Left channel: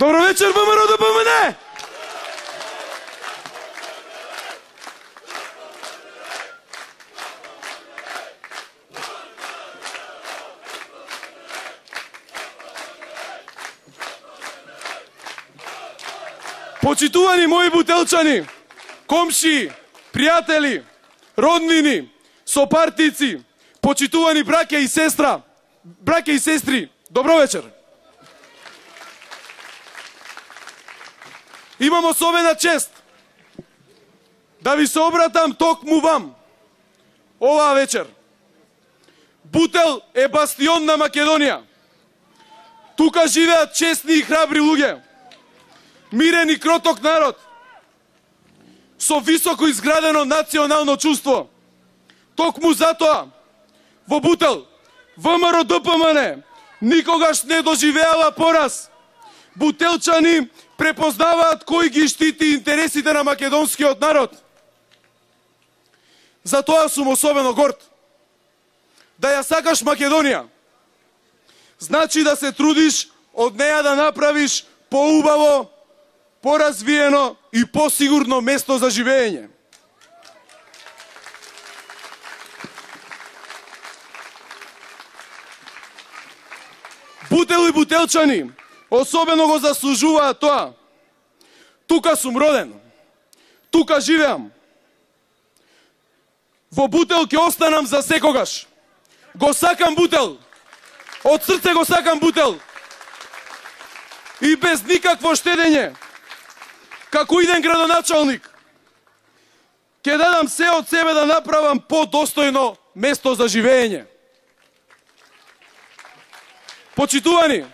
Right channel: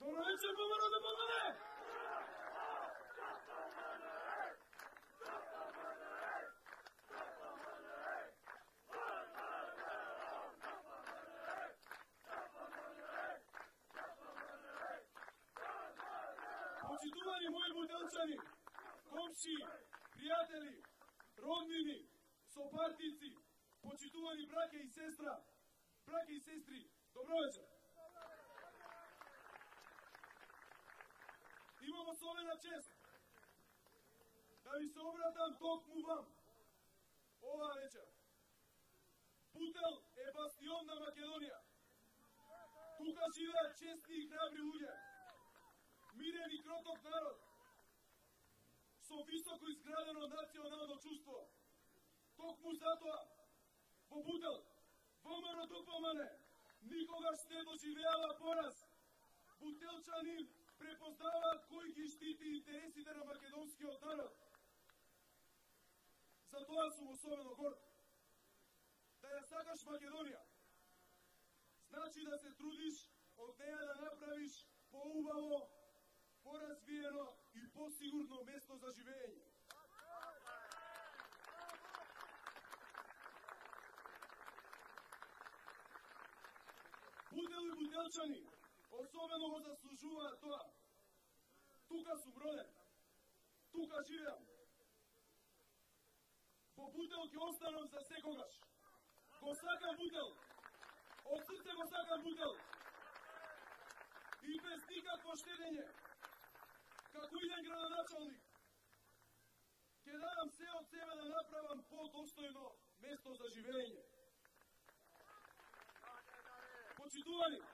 Добро вечер, ВМРО ДПМН! Почитувани мои бутелчани, комши, пријатели, роднини, сопартици, почитувани браќа и сестри, добро вечер. Имам особена чест да ви се обратам токму вам оваа вечер. Бутел е бастион на Македонија. Тука живеат честни и храбри луѓе, мирен и кроток народ, со високо изградено национално чувство. Токму затоа, во Бутел, ВМРО ДПМН никогаш не доживеала пораз. Бутелчани препознаваат кој ги штити интересите на македонскиот народ. Затоа сум особено горд. Да ја сакаш Македонија, значи да се трудиш од неја да направиш поубаво, поразвиено и посигурно место за живење. Бутел и бутелчани особено го заслужуваат тоа. Тука сум роден, тука живеам. Во Бутел ќе останам за секогаш. Го сакам Бутел, од срце го сакам Бутел. И без никакво штедење, како иден градоначалник, ќе дадам се од себе да направам подостојно место за живење. Почитувани,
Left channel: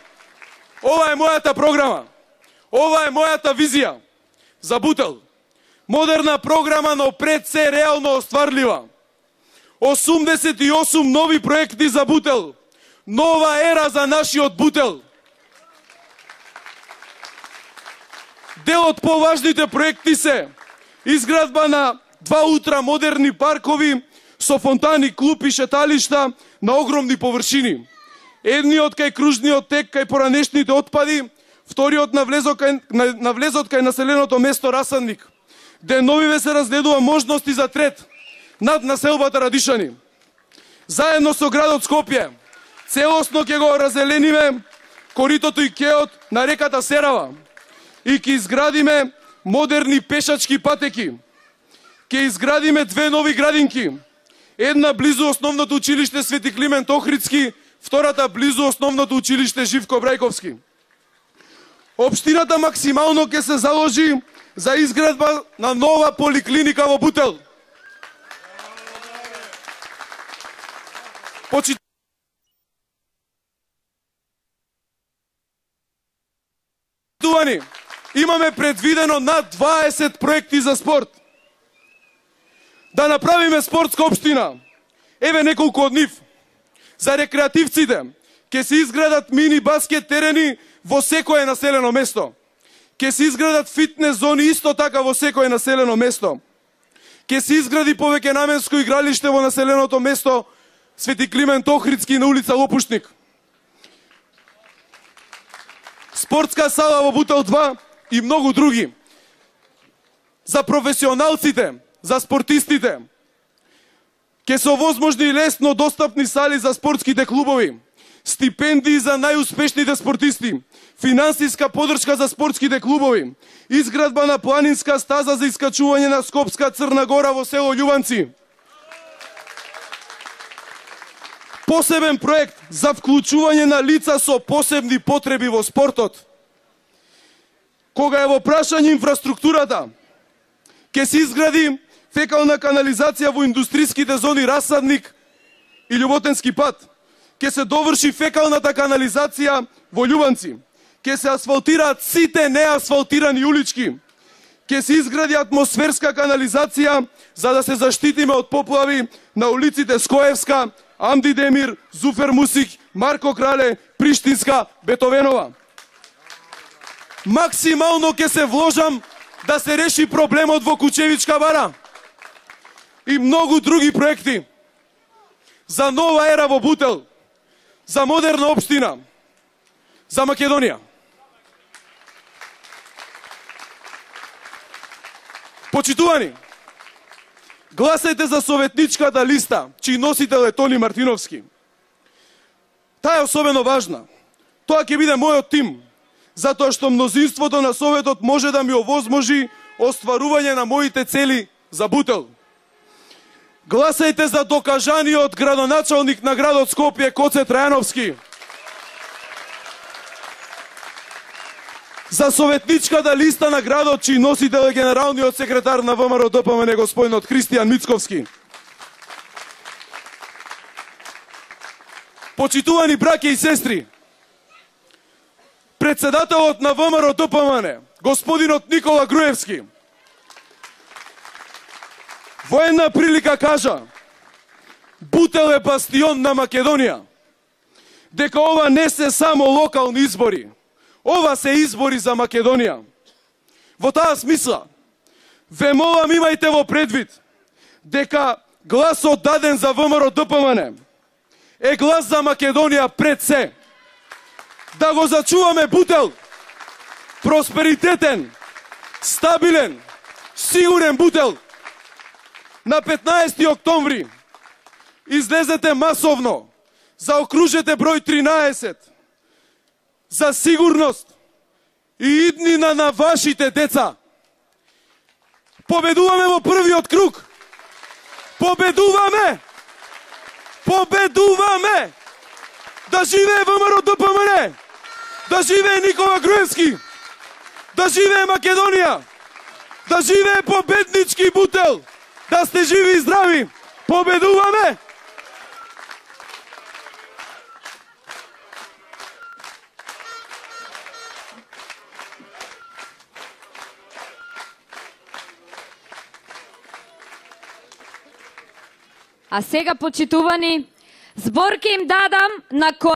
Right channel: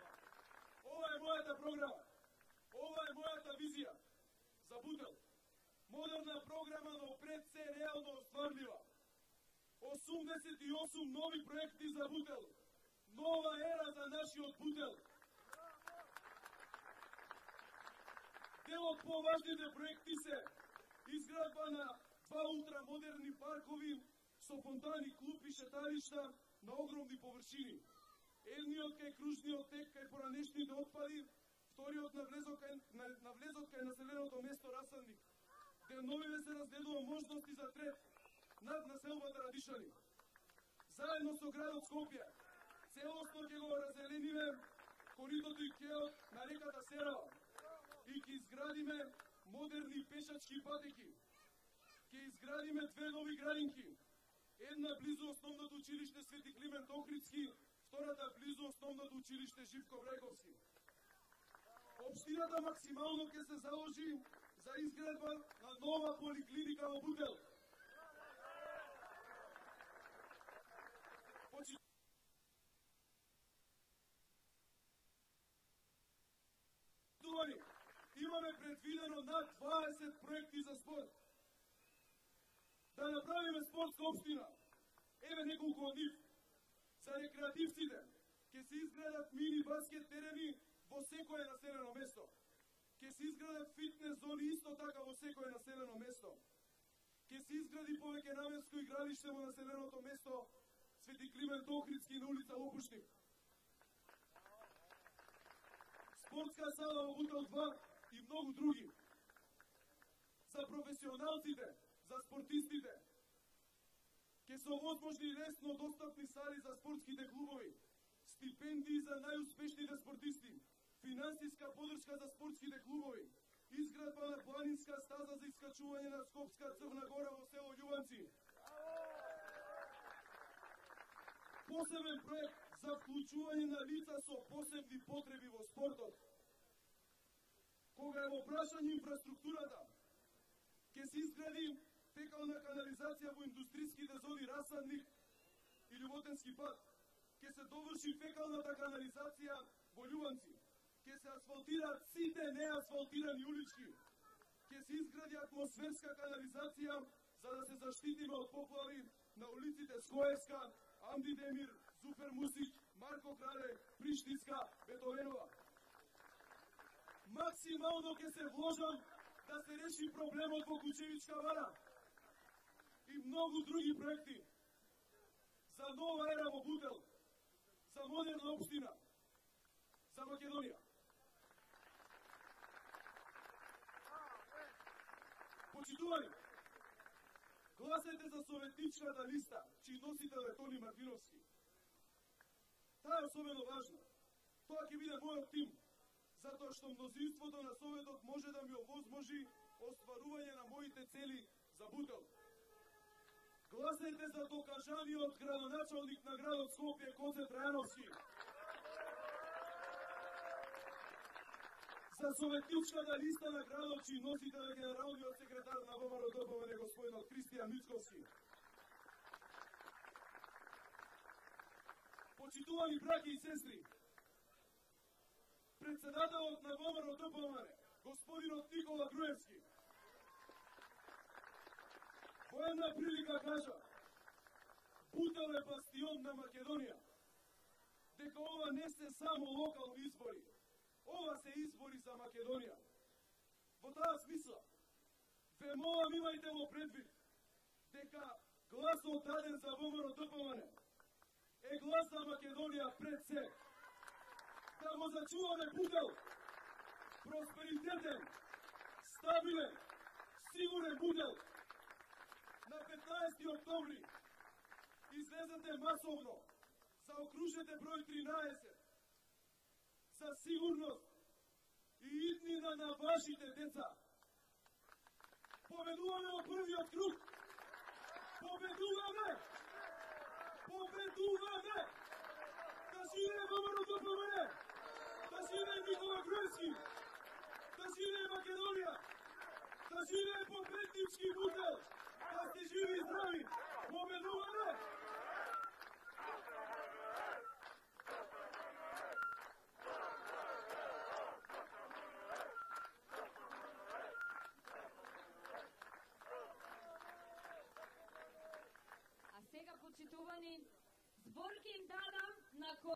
ова е мојата програма, ова е мојата визија за Бутел. Модерна програма, но пред се реално остварлива. 88 нови проекти за Бутел. Нова ера за нашиот Бутел. Дел од поважните проекти се изградба на 2 ултрамодерни паркови со фонтани, клуб и шеталишта на огромни површини. Едниот кај кружниот тек кај поранешните отпади, вториот на влезот кај населеното место Расадник. Деновиве се разгледува можности за трет над населбата Радишани. Заедно со градот Скопје, целосно ќе го разелениме коритото и кеот на реката Серава и ќе изградиме модерни пешачки патеки. Ќе изградиме 2 нови градинки. Една близу основното училиште Свети Климент Охридски, втората близу основното училиште Живко Брајковски. Општината максимално ќе се заложи за изградба на нова поликлиника во Бутел. Почитувани, имаме предвидено над 20 проекти за спорт. Да направиме спортска општина. Еве неколку од нив. За рекреативците ќе се изградат мини баскет терени во секое населено место. Ќе се изградат фитнес зони исто така во секое населено место. Ќе се изгради повеќенаменско игралиште во населеното место Свети Климент Охридски на улица Лопушник. Спортска сала во Бутел 2 и многу други. За професионалците, за спортистите, ќе се овозможни лесно достапни сали за спортските клубови, стипендии за најуспешните спортисти, финансиска поддршка за спортските клубови, изградба на планинска стаза за искачување на Скопска Црна Гора во село Љубанци. Посебен проект за вклучување на лица со посебни потреби во спортот. Кога е во прашање инфраструктурата, ќе се изгради фекална канализација во индустријските зони Расадник и Љуботенски пат. Ќе се доврши фекалната канализација во Љубанци. Ќе се асфалтираат сите неасфалтирани улички. Ќе се изгради атмосферска канализација за да се заштитиме од поплави на улиците Скоевска, Амди Демир, Зуфер Мусик, Марко Крале, Приштинска, Бетовенова. Максимално ќе се вложам да се реши проблемот во Кучевичка бара и многу други проекти за нова ера во Бутел, за модерна општина, за Македонија. Почитувани, гласајте за советничката листа, чиј носител е Тони Мартиновски. Таа е особено важна. Тоа ќе биде мојот тим, затоа што мнозинството на Советот може да ми овозможи остварување на моите цели за Бутел. Гласајте за докажаниот градоначалник на градот Скопје Коце Трајановски. За советничката листа на градот, чиј носител е генералниот секретар на ВМРО ДПМН господинот Христијан Мицковски. Почитувани браќа и сестри, председателот на ВМРО ДПМН, господинот Никола Груевски, во една прилика кажа: Бутел е бастион на Македонија, дека ова не се само локални избори, ова се избори за Македонија. Во таа смисла, ве молам, имајте во предвид дека гласот даден за ВМРО ДПМН е глас за Македонија пред се. Да го зачуваме Бутел, просперитетен, стабилен, сигурен Бутел. На 15 октомври излезете масовно, заокружете број 13 за сигурност и иднина на вашите деца. Победуваме во првиот круг. Победуваме! Победуваме! Да живее ВМРО ДПМН! Да живее Никола Груевски! Да живее Македонија! Да живее победнички Бутел! Да сте живи и здрави! Победуваме! А сега, почитувани, збор ќе им дадам на